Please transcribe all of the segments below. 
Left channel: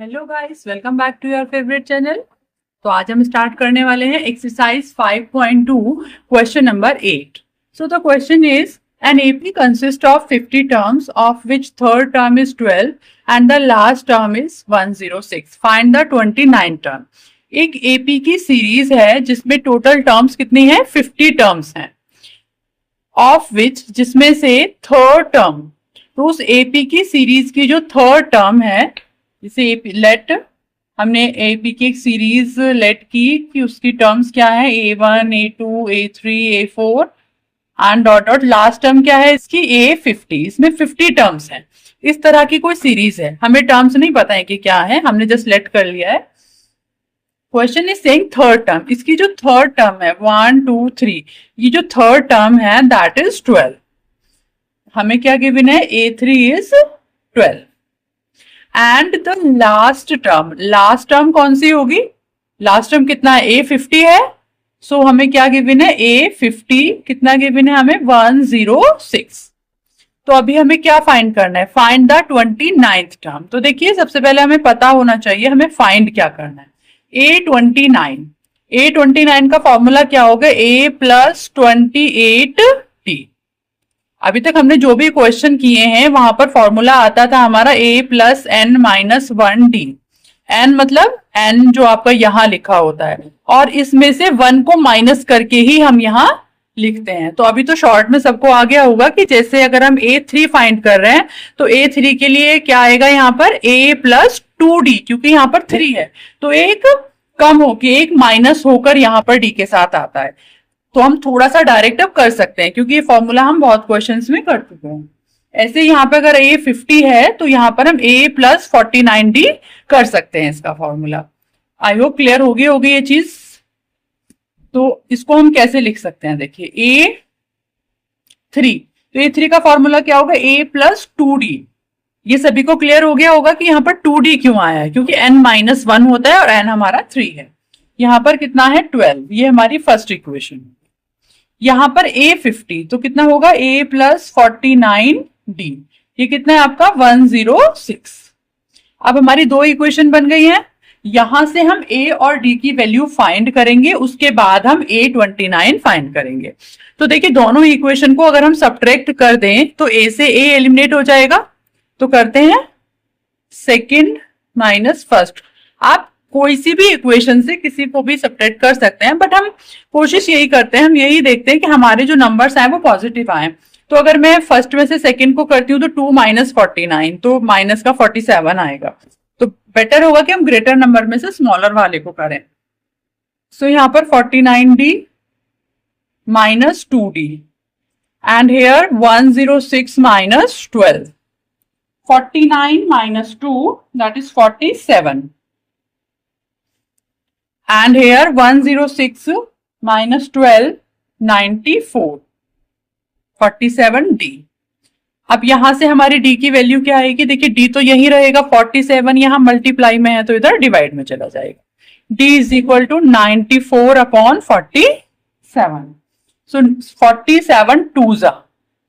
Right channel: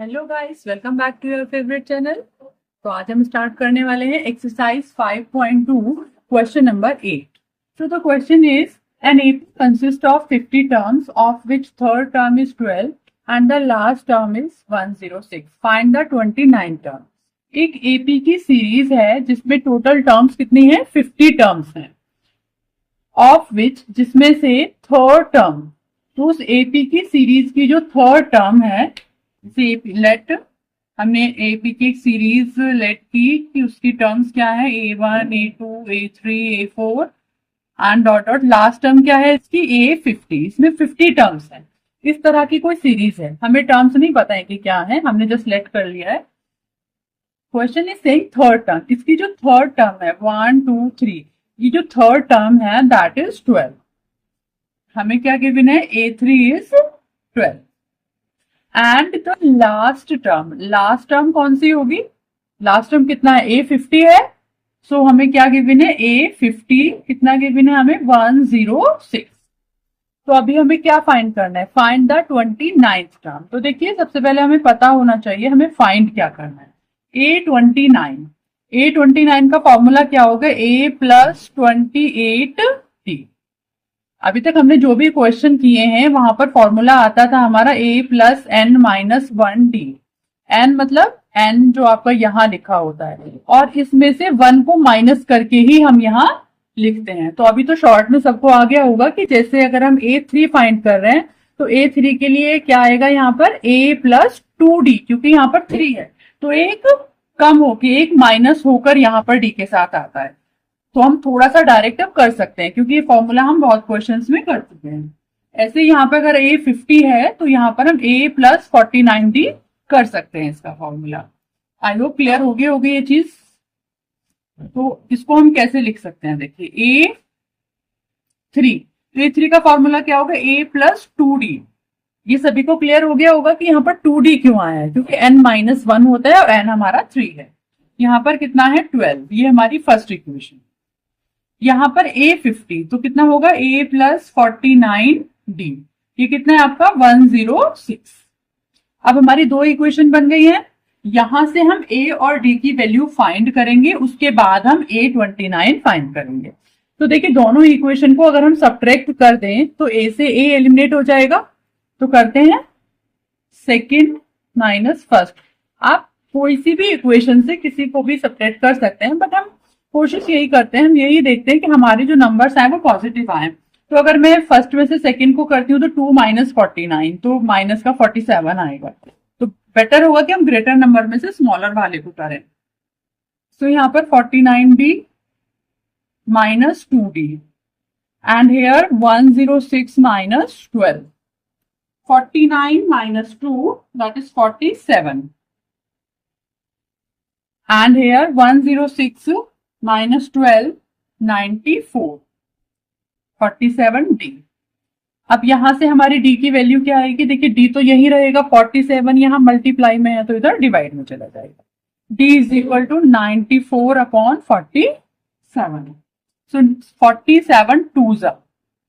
Hello guys, welcome back to your favourite channel. तो आज हम स्टार्ट करने वाले हैं exercise 5.2 question number 8। So the question is an AP consist of 50 terms of which third term is 12 and the last term is 106। Find the 29 term. एक AP की series है जिसमें टोटल टर्म्स कितनी है? 50 टर्म्स हैं, ऑफ विच जिसमें से third term, तो उस एपी की सीरीज की जो थर्ड टर्म है, जैसे लेट हमने एपी की एक सीरीज लेट की कि उसकी टर्म्स क्या है, A1 A2 A3 A4 and dot dot last term क्या है इसकी A50। इसमें 50 टर्म्स हैं। इस तरह की कोई सीरीज है, हमें टर्म्स नहीं पता है कि क्या है, हमने जस्ट लेट कर लिया है। Question is saying third term, इसकी जो थर्ड टर्म है 1 2 3, ये जो थर्ड टर्म है दैट इज 12। हमें क्या गिवन है? A3 is 12 and the last term कौन सी होगी? लास्ट टर्म कितना है? A50 है। सो हमें क्या गिवन है? A50 कितना गिवन है हमें? 106। तो अभी हमें क्या फाइंड करना है? Find the 29th term. तो देखिए, सबसे पहले हमें पता होना चाहिए हमें फाइंड क्या करना है। A29 का फॉर्मूला क्या होगा? A plus 28D। अभी तक हमने जो भी क्वेश्चन किए हैं वहां पर फॉर्मूला आता था हमारा A plus N minus 1D। N मतलब N जो आपका यहाँ लिखा होता है, और इसमें से 1 को माइनस करके ही हम यहाँ लिखते हैं। तो अभी तो शॉर्ट में सबको आ गया होगा कि जैसे अगर हम A3 फाइंड कर रहे हैं तो A3 के लिए क्या आएगा यहाँ पर? A प्लस 2D, क्योंकि यहाँ पर 3 है तो एक कम होके एक माइनस होकर यहाँ पर D के साथ आता है। तो हम थोड़ा सा डायरेक्ट अब कर सकते हैं क्योंकि ये फॉर्मूला हम बहुत क्वेश्चंस में कर चुके हैं। ऐसे यहाँ पे अगर A50 है तो यहाँ पर हम A प्लस 49D कर सकते हैं इसका फॉर्मूला। आई होप क्लियर होगी ये चीज। तो इसको हम कैसे लिख सकते हैं? देखिए A3, तो A3 का फॉर्मूला क्या होगा? A plus 2D। ये सभी को क्लियर हो गया होगा कि यहाँ पर 2D क्यों आया है, क्योंकि N माइनस 1 होता है और N हमारा 3 है। यहाँ पर कितना है? 12। ये हमारी फर्स्ट इक्वेशन। यहाँ पर A50 तो कितना होगा? A plus 49D। ये कितना है आपका? 106। अब हमारी दो इक्वेशन बन गई हैं। यहां से हम A और D की वैल्यू फाइंड करेंगे, उसके बाद हम A29 फाइंड करेंगे। तो देखिए, दोनों इक्वेशन को अगर हम सब्ट्रैक्ट कर दें तो A से A एलिमिनेट हो जाएगा। तो करते हैं सेकंड माइनस फर्स्ट। आप कोई सी भी इक्वेशन से किसी को भी सब्ट्रैक्ट कर सकते हैं, बट हम कोशिश यही करते हैं, हम यही देखते हैं कि हमारे जो नंबर्स आए वो पॉजिटिव आए। तो अगर मैं फर्स्ट में से सेकंड को करती हूँ तो 2 माइनस 49, तो माइनस का 47 आएगा। तो बेटर होगा कि हम ग्रेटर नंबर में से स्मॉलर वाले को करें। सो यहाँ पर 49D minus 2D and here 106 minus 12। 49 minus 2, that is 47. And here 106 minus 12, 94. 47D। अब यहां से हमारी D की वैल्यू क्या आएगी? देखिए, D तो यही रहेगा, 47 यहां मल्टीप्लाई में है तो इधर डिवाइड में चला जाएगा। D is equal to 94 upon 47। So 47 टू जा,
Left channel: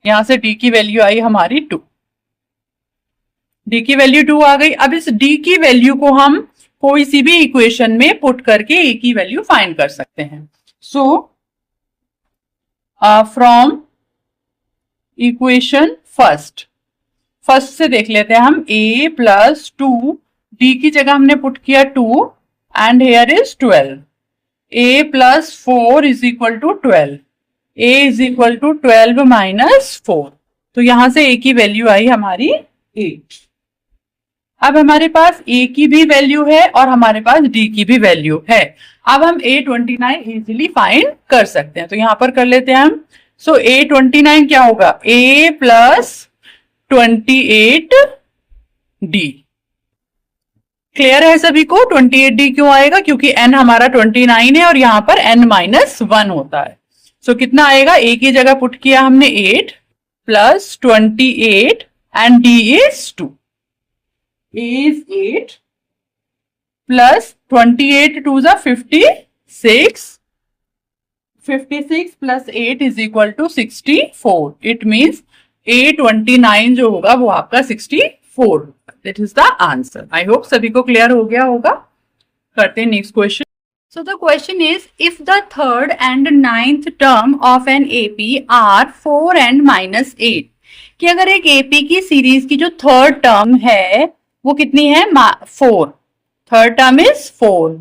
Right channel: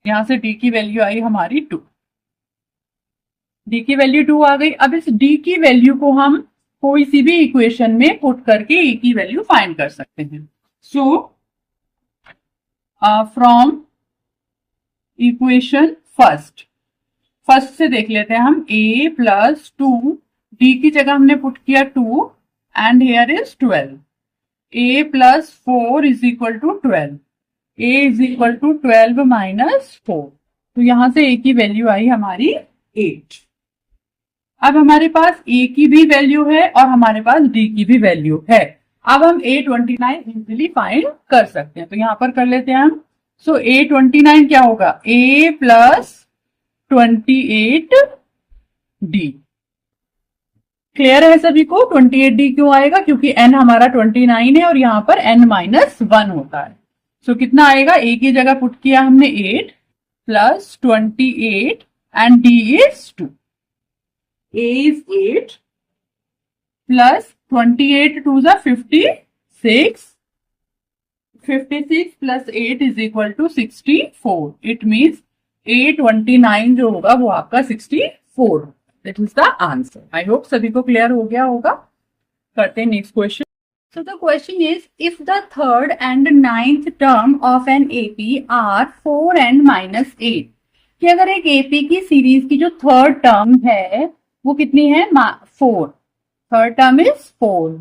यहां से D की वैल्यू आई हमारी 2। D की वैल्यू 2 आ गई। अब इस D की वैल्यू को हम कोई सी भी इक्वेशन में पुट करके A की वैल्यू फाइंड कर सकते हैं। सो फ्रॉम इक्वेशन फर्स्ट से देख लेते हैं हम। A प्लस 2, D की जगह हमने पुट किया 2 and here is 12। A plus 4 is equal to 12। A is equal to 12 minus 4। तो यहां से A की वैल्यू आई हमारी 8। अब हमारे पास A की भी वैल्यू है और हमारे पास D की भी वैल्यू है। अब हम A29 इजीली फाइंड कर सकते हैं, तो यहां पर कर लेते हैं हम। सो A29 क्या होगा? A plus 28D। क्लियर है सभी को? 28D क्यों आएगा? क्योंकि N हमारा 29 है और यहां पर N माइनस 1 होता है। सो कितना आएगा? A की जगह पुट किया हमने 8 plus 28 and D is 2। A is 8 plus 28 to the 56. 56 plus 8 is equal to 64. It means A29 जो होगा वो आपका 64 4। That is the answer. I hope सभी को क्लियर हो गया होगा। करते हैं next question. So the question is, if the third and ninth term of an AP are 4 and minus 8, कि अगर एक AP की सीरीज की जो थर्ड टर्म है वो कितनी है? 4। Third term is 4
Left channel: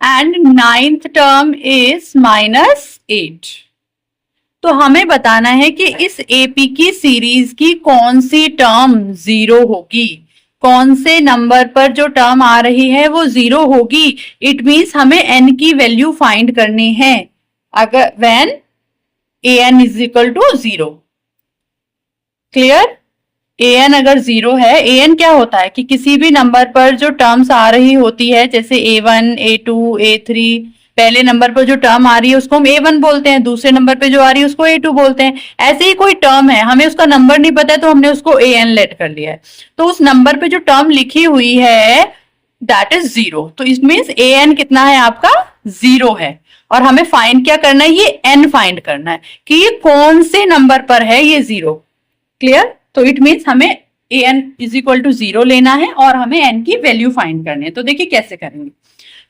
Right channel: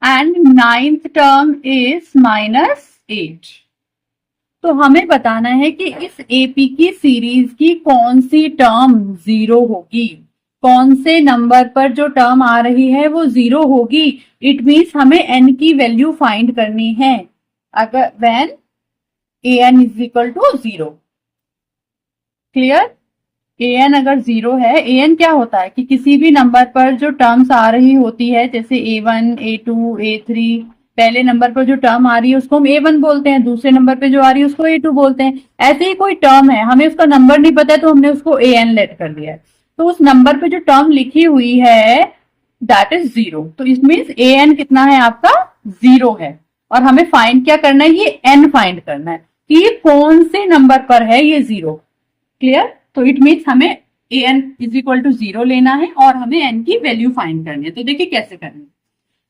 and ninth term is -8। तो हमें बताना है कि इस AP की सीरीज की कौन सी टर्म 0 होगी, कौन से नंबर पर जो टर्म आ रही है वो 0 होगी। इट मीन्स हमें n की वैल्यू फाइंड करनी है अगर when an is equal to 0। Clear? an अगर 0 है, an क्या होता है कि किसी भी नंबर पर जो टर्म्स आ रही होती है, जैसे a1, a2, a3, पहले नंबर पर जो टर्म आ रही है उसको हम a1 बोलते हैं, दूसरे नंबर पे जो आ रही है उसको a2 बोलते हैं। ऐसे ही कोई टर्म है, हमें उसका नंबर नहीं पता है तो हमने उसको an लेट कर लिया है, तो उस नंबर पे जो टर्म लिखी हुई है दैट इज 0। तो इट मीन्स an कितना है आपका? 0 है। और हमें फाइंड क्या करना है? ये n फाइंड करना है कि ये कौन से नंबर पर है ये 0। क्लियर? तो इट मीन्स हमें an इज इक्वल टू 0 लेना है और हमें n की वैल्यू फाइंड करनी है। तो देखिए कैसे करेंगे।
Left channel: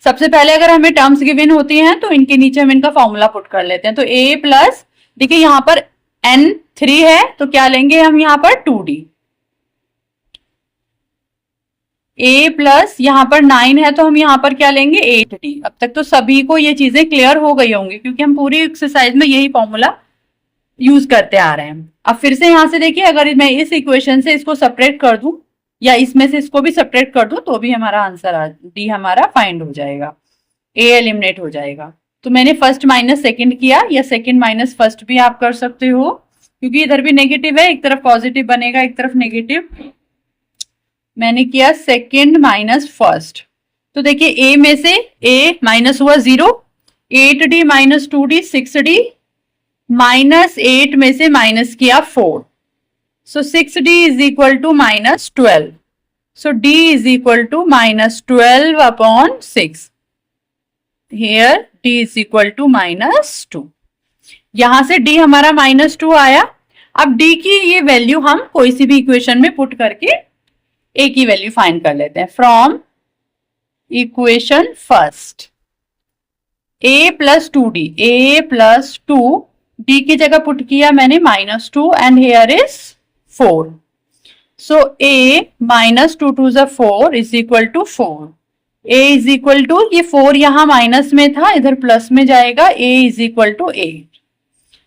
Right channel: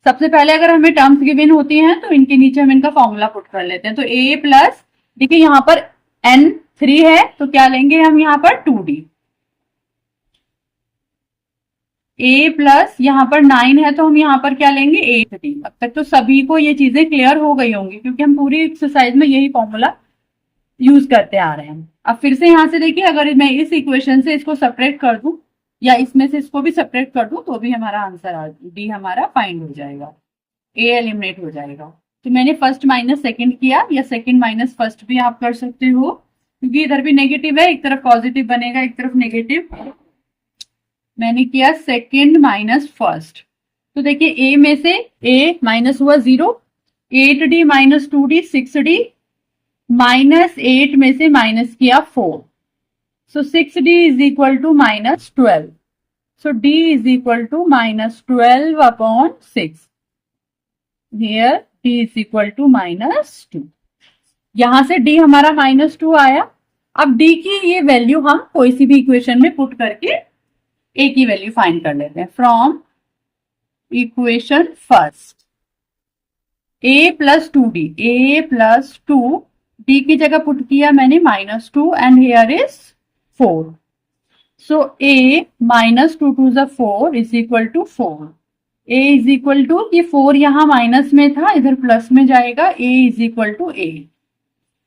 सबसे पहले अगर हमें टर्म्स गिवन होती हैं तो इनके नीचे हम इनका फॉर्मूला पुट कर लेते हैं। तो a प्लस, देखिए यहाँ पर n 3 है तो क्या लेंगे हम यहाँ पर 2d, a प्लस यहाँ पर 9 है तो हम यहाँ पर क्या लेंगे? 8d। अब तक तो सभी को ये चीजें क्लियर हो गई होंगी क्योंकि हम पूरी एक्सरसाइज में यही फॉर्मूला यूज करते आ रहे हैं। अब फिर से यहां से देखिए, अगर मैं इस इक्वेशन से इसको सेपरेट कर दूं या इसमें से इसको भी सेपरेट कर दूं तो भी हमारा आंसर डी हमारा फाइंड हो जाएगा, ए एलिमिनेट हो जाएगा। तो मैंने फर्स्ट माइनस सेकंड किया या सेकंड माइनस फर्स्ट भी आप कर सकते हो क्योंकि इधर भी नेगेटिव है, एक तरफ पॉजिटिव बनेगा एक तरफ नेगेटिव। मैंने किया सेकंड माइनस फर्स्ट। तो देखिए ए में से ए माइनस हुआ 0, 8d माइनस 2d 6d, -8 में से माइनस किया 4, so 6d is equal to -12, so d is equal to -12 upon 6, here d is equal to -2। यहां से d हमारा -2 आया। अब d की ये वैल्यू हम कोई सी भी इक्वेशन में पुट करके a की वैल्यू फाइंड कर लेते हैं। From equation first a plus 2d, a plus 2, d की जगह पुट किया मैंने -2 and here is 4, so a minus 2 to the 4 is equal to 4, a is equal to, ये 4 यहाँ माइनस में था इधर प्लस में जाएगा, a is equal to 8।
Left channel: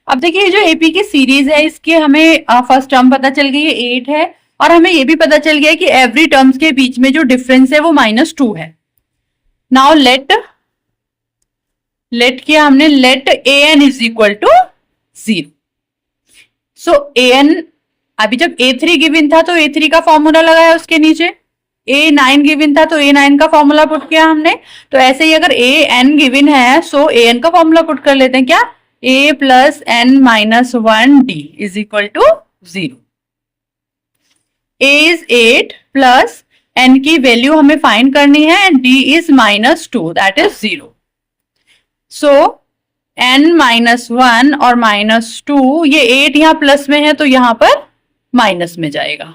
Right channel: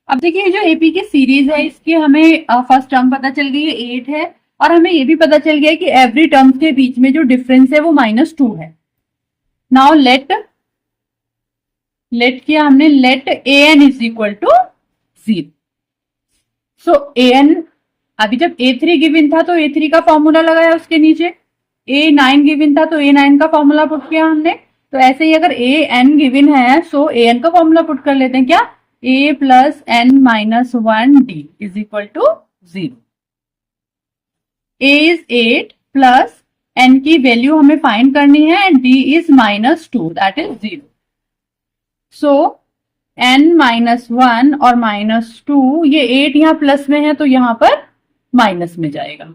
अब देखिए जो AP की सीरीज है इसके हमें फर्स्ट टर्म पता चल गई है 8 है और हमें ये भी पता चल गया कि एवरी टर्म्स के बीच में जो डिफरेंस है वो -2 है। नाउ लेट किया हमने, late an is equal to 0, so an, अभी जब a3 गिवन था तो a3 का फॉर्मूला लगाया उसके नीचे, a9 गिवन था तो a9 का फॉर्मूला पुट किया हमने। तो ऐसे ही अगर an गिवन है सो an का फॉर्मूला पुट कर लेते हैं, क्या? a plus n minus 1d is equal to 0। a is 8 plus n की वैल्यू हमें फाइंड करनी है and d is -2 that is 0। So n -1 और -2, ये 8 यहाँ प्लस में है तो यहां पर माइनस में जाएगा।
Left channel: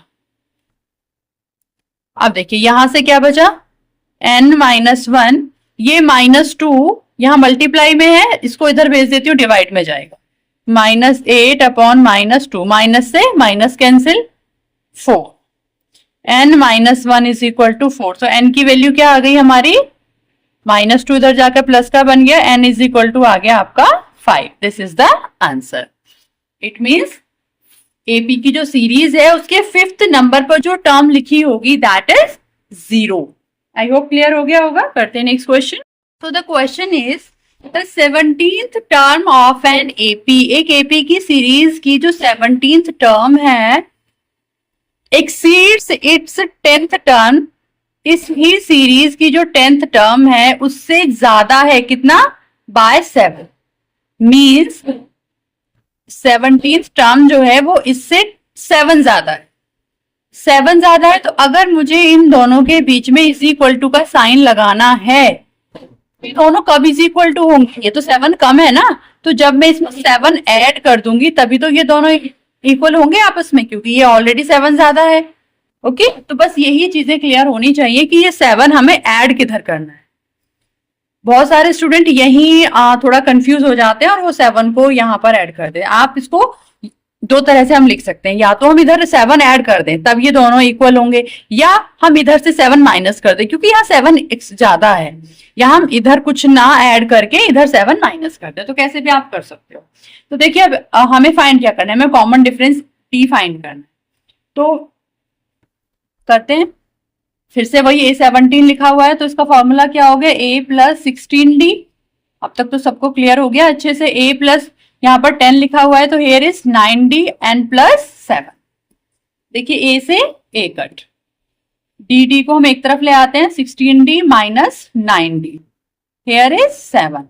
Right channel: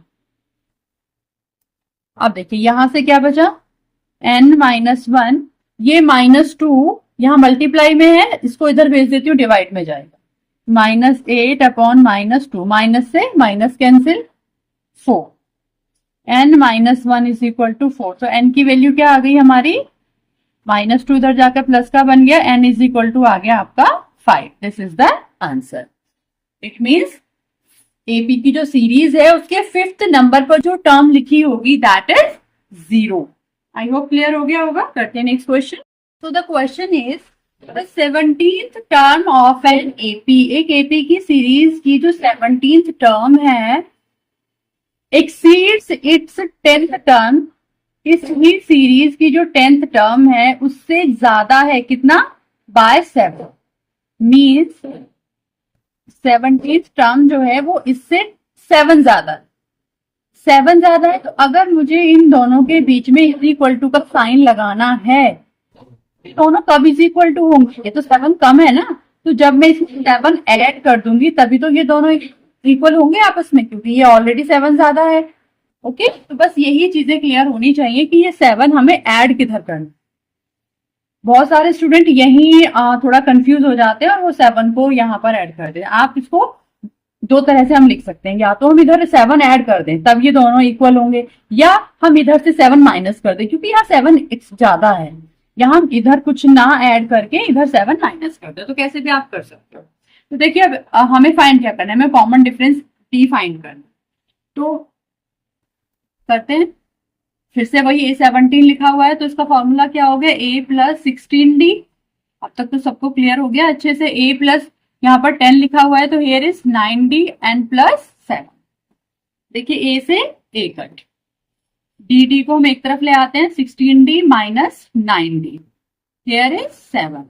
अब देखिए यहां से क्या बचा? n -1, ये -2 यहां मल्टीप्लाई में है, इसको इधर भेज देती हूँ, डिवाइड में जाएगा। -8 अपॉन -2, माइनस से minus cancel 4, n -1 is equal to 4। तो n की वैल्यू क्या आ गई हमारी? -2 इधर जाकर प्लस का बन गया, n इज इक्वल टू आ गया आपका 5। This is the answer. It means AP की जो सीरीज है उसके 5th नंबर पर जो टर्म लिखी होगी that is 0। I hope clear हो गया होगा। करते हैं next question. So the question is the 17th term of an AP, एक AP की सीरीज की जो 17th टर्म है एक्सीड्स इट्स 10th टर्म, इस ही सीरीज की जो 10th टर्म है उससे ज्यादा है, कितना? बाय 7। मीन्स 17th टर्म जो है वो इससे 7 ज्यादा है, 7 ज्यादा है। तो अगर मुझे इन दोनों के बीच में इज इक्वल टू का साइन लगाना है, दोनों कब इज इक्वल टू होंगे? ये तो 7 कम है ना, तो जब मैं इसमें 7 ऐड कर दूंगी तभी तो ये दोनों इक्वल होंगे आपस में, क्योंकि ये ऑलरेडी 7 ज्यादा है। ओके तो बस यही चीजें क्लियर होनी चाहिए कि ये 7 हमें ऐड किधर करना है। बहुत सारे स्टूडेंट यही थोड़ा कंफ्यूज हो जाते हैं और वो 7 को यहाँ पर ऐड कर दें। आप इसको दो तरह से हम लिख सकते हैं, या तो हम इधर 7 ऐड कर दें तब ये दोनों इक्वल होंगे, या हम इधर से 7 माइनस कर दें, क्योंकि यहाँ 7 ज्यादा है, या हम इधर कुछ ना ऐड करके इधर 7 माइनस कर दें। तो कैसे भी आप कर सकते हो। तो देखिए अब हमें फाइंड क्या करना है, हमें कॉमन डिफरेंस टी फाइंड करना है। तो करते हैं, फिर से वही A17 लिखा हुआ है तो इसका फॉर्मूला क्या हो गया, A प्लस 16D। अब तक तो सबको क्लियर हो गया अच्छे से। A प्लस यहाँ पर 10 लिखा हुआ है तो here is 9D and plus 7। देखिए A से A कट, डी को हम एक तरफ ले आते हैं, 16D minus 9D, here is 7,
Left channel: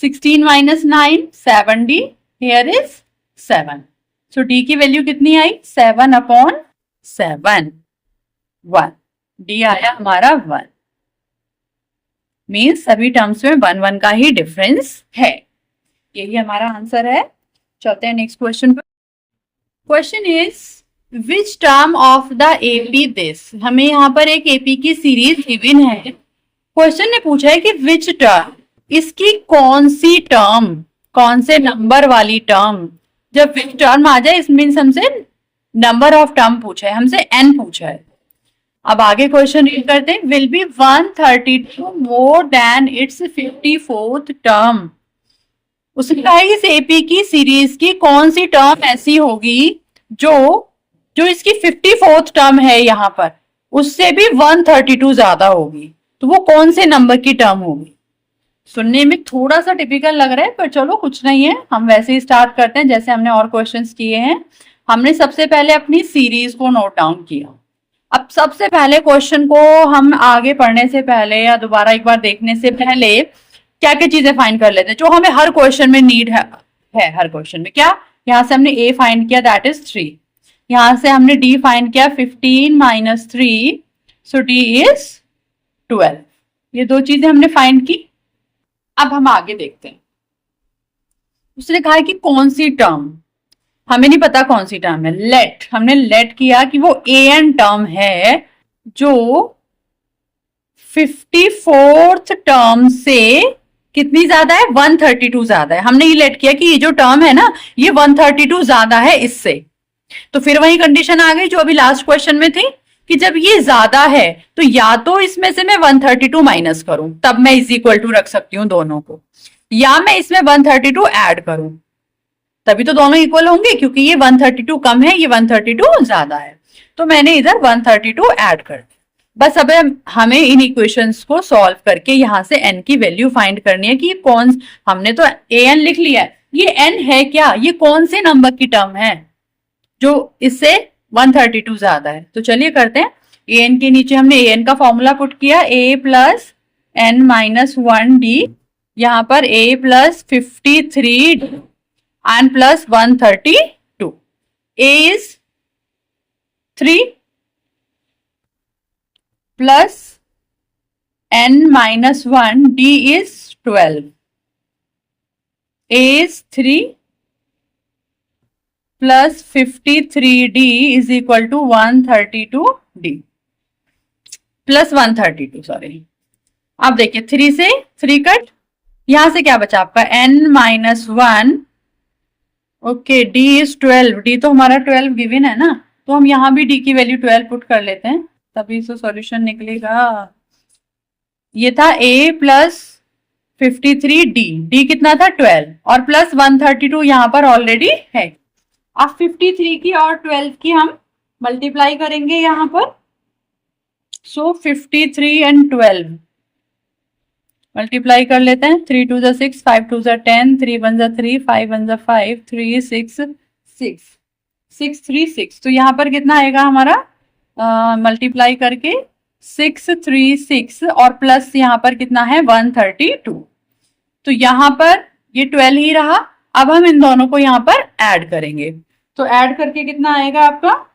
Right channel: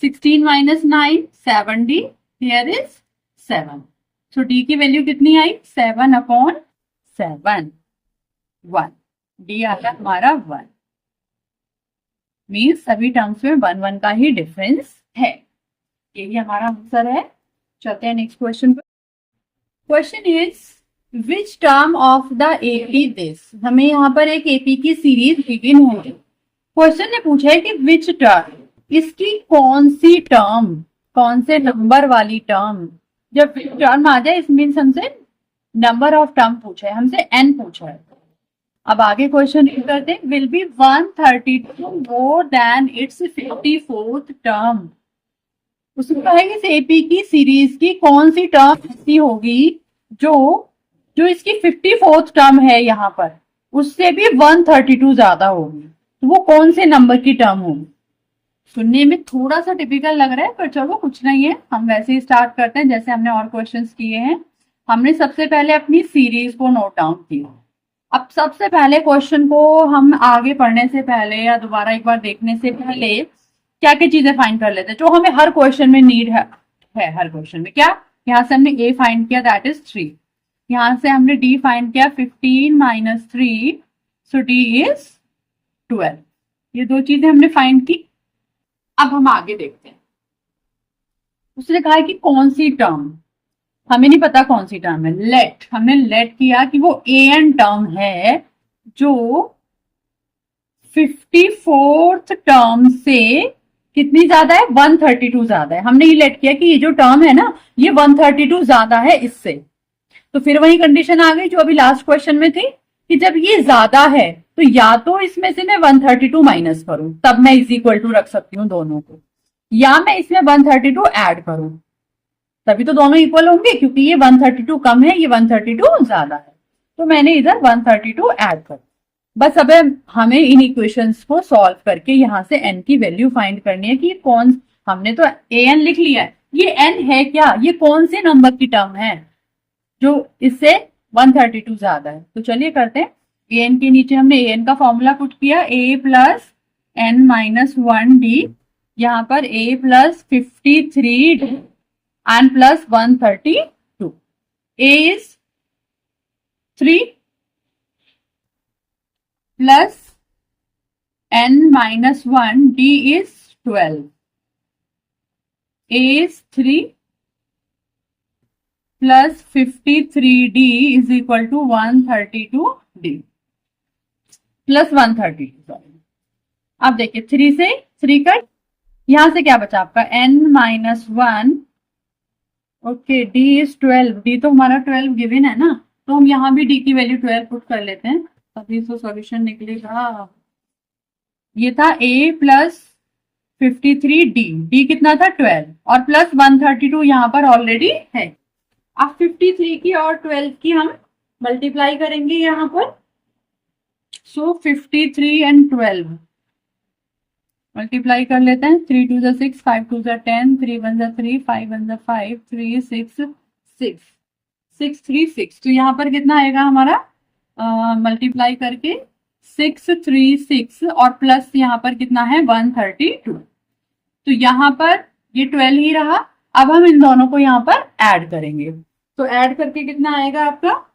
16 minus 9 7D, here is 7। So D की वैल्यू कितनी आई, 7/7, 1। D आया हमारा 1, मीन्स सभी टर्म्स में 1 का ही डिफरेंस है। यही हमारा आंसर है। चलते हैं नेक्स्ट क्वेश्चन पर। Question is which term of the AP this. हमें यहाँ पर एक एपी की सीरीज गिवन है। क्वेश्चन ने पूछा है कि विच टर्म, इसकी कौन सी टर्म, कौन से नंबर वाली टर्म। जब विच टर्म आ जाए इस मीन्स हमसे नंबर ऑफ टर्म पूछा है, हमसे n पूछा है। अब आगे क्वेश्चन रीड करते हैं। Will be 132 more than it's 54th term. उसने कहा है इस एपी की सीरीज की कौन सी टर्म ऐसी होगी जो इसकी 54th टर्म है यहाँ पर, उससे भी 132 ज्यादा होगी। तो वो कौन से नंबर की टर्म होगी। सुनने में थोड़ा सा टिपिकल लग रहा है पर चलो कुछ नहीं है, हम वैसे ही स्टार्ट करते हैं जैसे हमने और क्वेश्चंस किए हैं। हमने सबसे पहले अपनी सीरीज को नोट डाउन किया। अब सबसे पहले क्वेश्चन को हम आगे पढ़ने से पहले या दोबारा एक बार देखने से पहले क्या क्या चीजें फाइंड कर लेते हैं जो हमें हर क्वेश्चन में नीड है हर क्वेश्चन में। क्या, यहाँ से हमने A फाइंड किया दैट इज 3, यहाँ से हमने D फाइंड किया 15 माइनस 3, सो D इज 12। ये दो चीजें हमने फाइंड की। अब हम आगे देखते हैं। उसने कहा है कि कौन सी टर्म, हमें नहीं पता कौन सी टर्म है। लेट, हमने लेट किया कि वो an टर्म है जो 54th टर्म से कितनी ज्यादा है, 132 ज्यादा है। हमने ये लेट किया कि ये जो टर्म है ना ये 132 ज्यादा है इससे। तो फिर वही कंडीशन आ गई जो अभी लास्ट क्वेश्चन में थी कि जब ये ज्यादा है तो या तो इसमें से मैं 132 माइनस करूं, तब मैं इज इक्वल टू रख सकती हूँ दोनों को, या मैं इसमें 132 ऐड करूं, तभी तो दोनों इक्वल होंगे, क्योंकि ये 132 कम है, ये 132 ज्यादा है। तो मैंने इधर 132 ऐड कर दी। बस अब हमें इन इक्वेशंस को सॉल्व करके यहाँ से n की वैल्यू फाइंड करनी है कि कौन, हमने तो an लिख लिया है, ये n है क्या, ये कौन से नंबर की टर्म है जो इससे 132 ज्यादा है। तो चलिए करते हैं। an के नीचे हमने an का फॉर्मूला पुट किया, a plus n minus 1d, यहाँ पर a plus 53d and plus 132. A is 3 plus n minus 1, D is 12. A is 3 plus 53D is equal to 132D plus 132, sorry. अब देखिए 3 से 3 कट, यहां से क्या बचा आपका n minus 1, okay D is 12, D तो हमारा 12 गिवन है ना, तो हम यहाँ भी D की वैल्यू 12 पुट कर लेते हैं तभी तो सॉल्यूशन निकलेगा। ये था A प्लस 53D, D कितना था 12 और प्लस 132 यहाँ पर ऑलरेडी है। अब 53 की और 12 की हम मल्टीप्लाई करेंगे यहाँ पर, सो 53 एंड 12 मल्टीप्लाई कर लेते हैं। 3 2 6, 5 2 10, 3 1 3, 5 1 5, 3 6 6, 6 3 6। तो यहाँ पर कितना आएगा हमारा, मल्टीप्लाई करके 6 3 6 और प्लस यहाँ पर कितना है 132। तो यहाँ पर ये 12 ही रहा। अब हम इन दोनों को यहाँ पर ऐड करेंगे, तो ऐड करके कितना आएगा आपका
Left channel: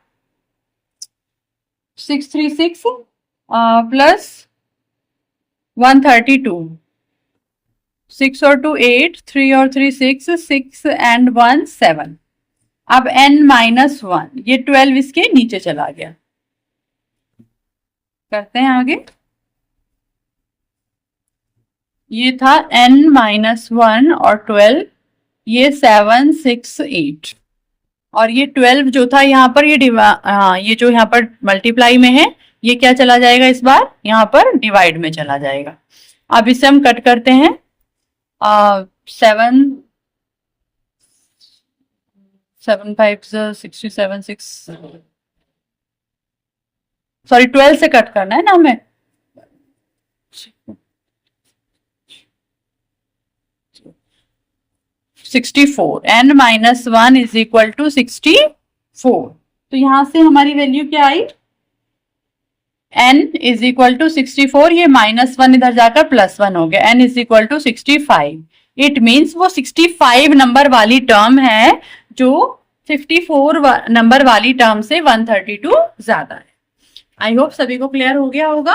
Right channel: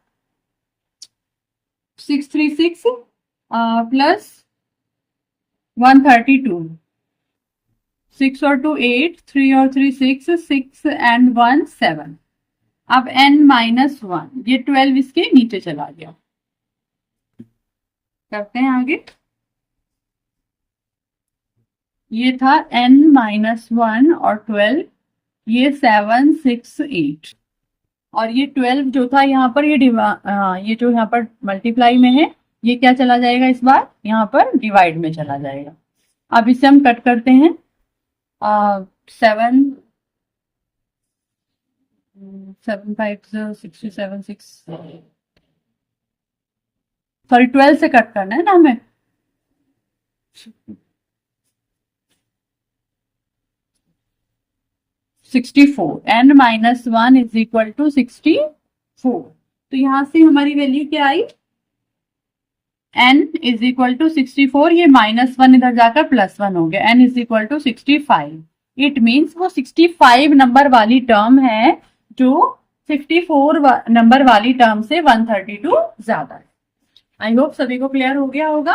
636 प्लस 132, 6 और 2 8, 3 और 3 6, 6 and 1 7। अब n-1, ये 12 इसके नीचे चला गया। करते हैं आगे। ये था n-1 और 12, ये 7, 6, 8 और ये 12 जो था यहाँ पर ये जो यहाँ पर मल्टीप्लाई में है, ये क्या चला जाएगा इस बार, यहाँ पर डिवाइड में चला जाएगा। अब इसे हम कट करते हैं। 7 7 5 67 6 सॉरी 12 से कट करना है ना हमें। 64 n-1 इज इक्वल टू 64। तो यहां से हमारी वैल्यू क्या आई, n इज इक्वल टू 64, ये -1 इधर जाकर +1 हो गया, n is equal to 65। It means वो 65 नंबर वाली टर्म है जो 54 नंबर वाली टर्म से 132 ज्यादा है। आई होप सभी को क्लियर हो गया होगा।